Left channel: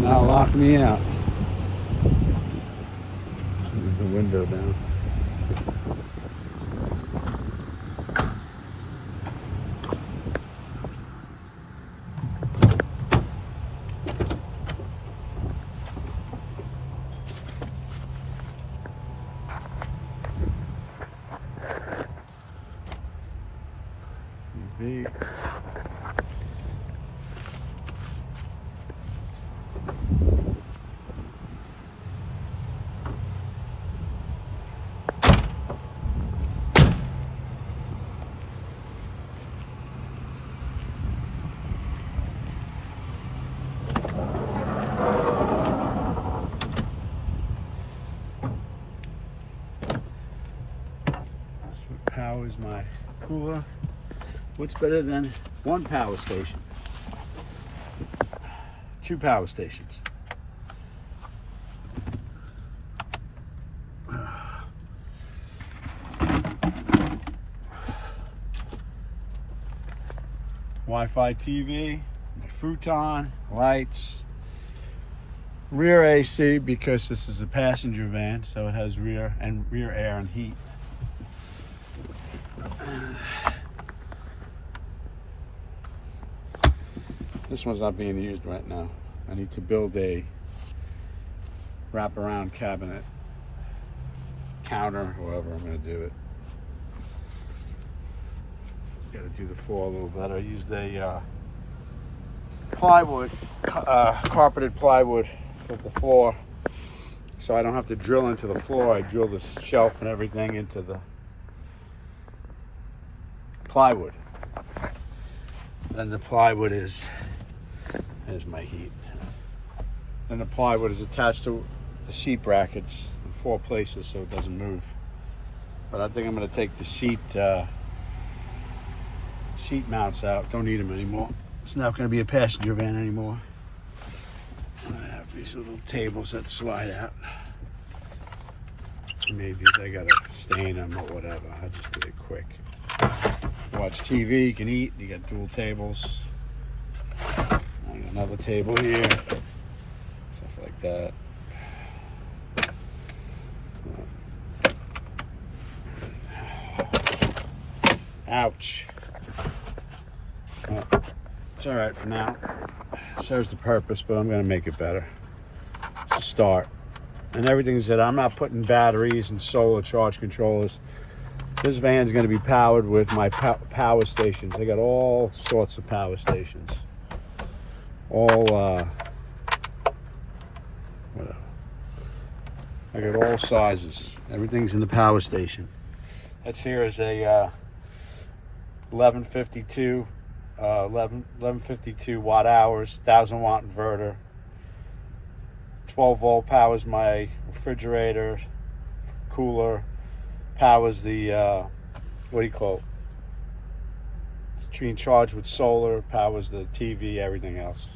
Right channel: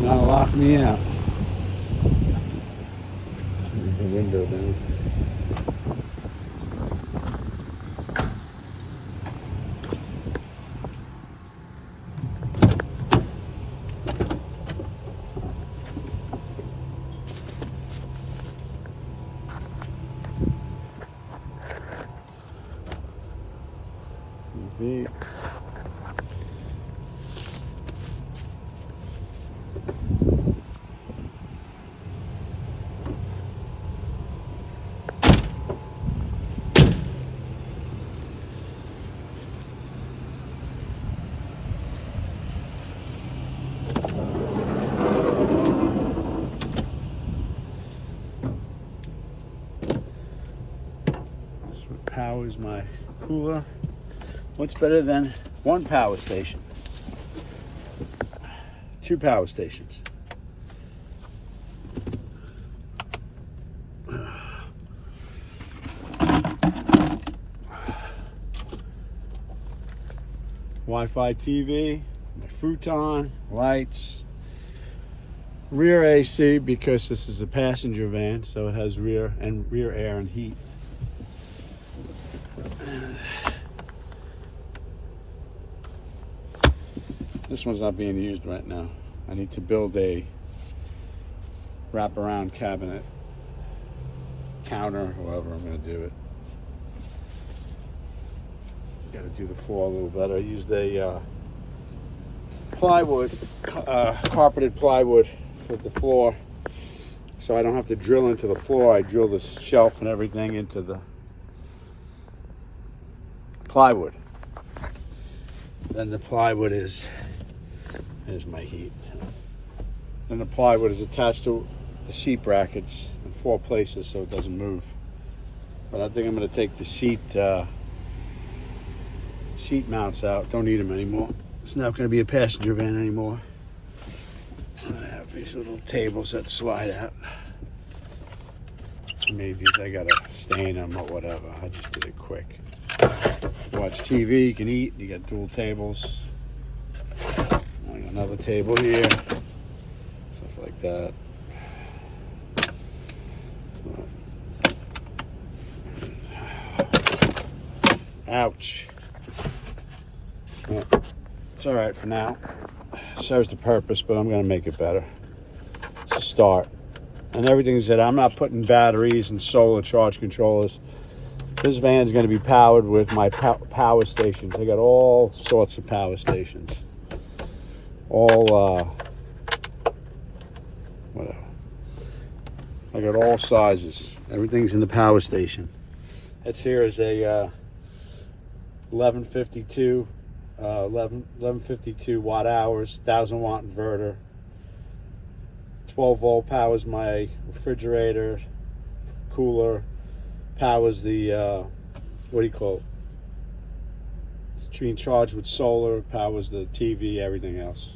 gonna now lock me out. Leave the window down. NV. Powers my cooler. What's better than one power station? Two power stations. Wi-Fi TV, my futon, lights, rear AC because this is a passenger van, so it has rear air and heat. This one's not being used right now. I need to build a wraparound cabinet, counter, however I'm going to do it. Got to do the floor a little better. I used a plywood, carpeted plywood with the floor, so I don't have to drill into the floor. I drill the shelf and everything into the plywood. Then the plywood is, here's my heat. Then the plywood is attached to the seat brackets in 4 places so it doesn't move. But I think I'm going to take the seat mounts out. Don't need them anymore. It's not going to be a passenger van anymore. I have these little tables that slide out. Maybe I got to stain them or whatever. I just did it quick. Watch TV, you can eat, you got dual tables. Another table here, stuff like that. Ouch. Well, it's all right for now. Serves the purpose, but I'm gonna make it better. It's a start. And everything's that I'm not putting batteries and solar charge controllers. This van's going to be powered with my power stations. I got all sorts of power stations. All, whatever. I got all sizes. Everything's in the power station. That's here is a 1152 watt hours, 1000 watt inverter. 12 volt powers my refrigerator, cooler. Powers the what do you call it? It's being charged with solar. Powers the TV, everything else.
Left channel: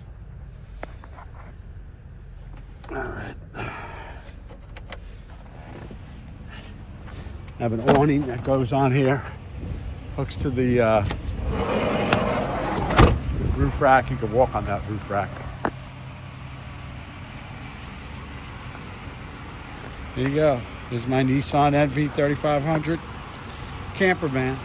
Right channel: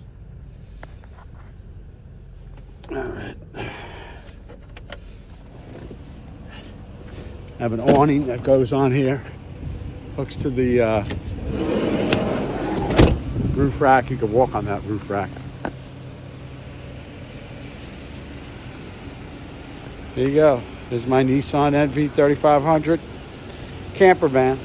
All right. I have an awning that goes on here, hooks to the roof rack. You can walk on that roof rack. There you go. This is my Nissan NV3500 camper van.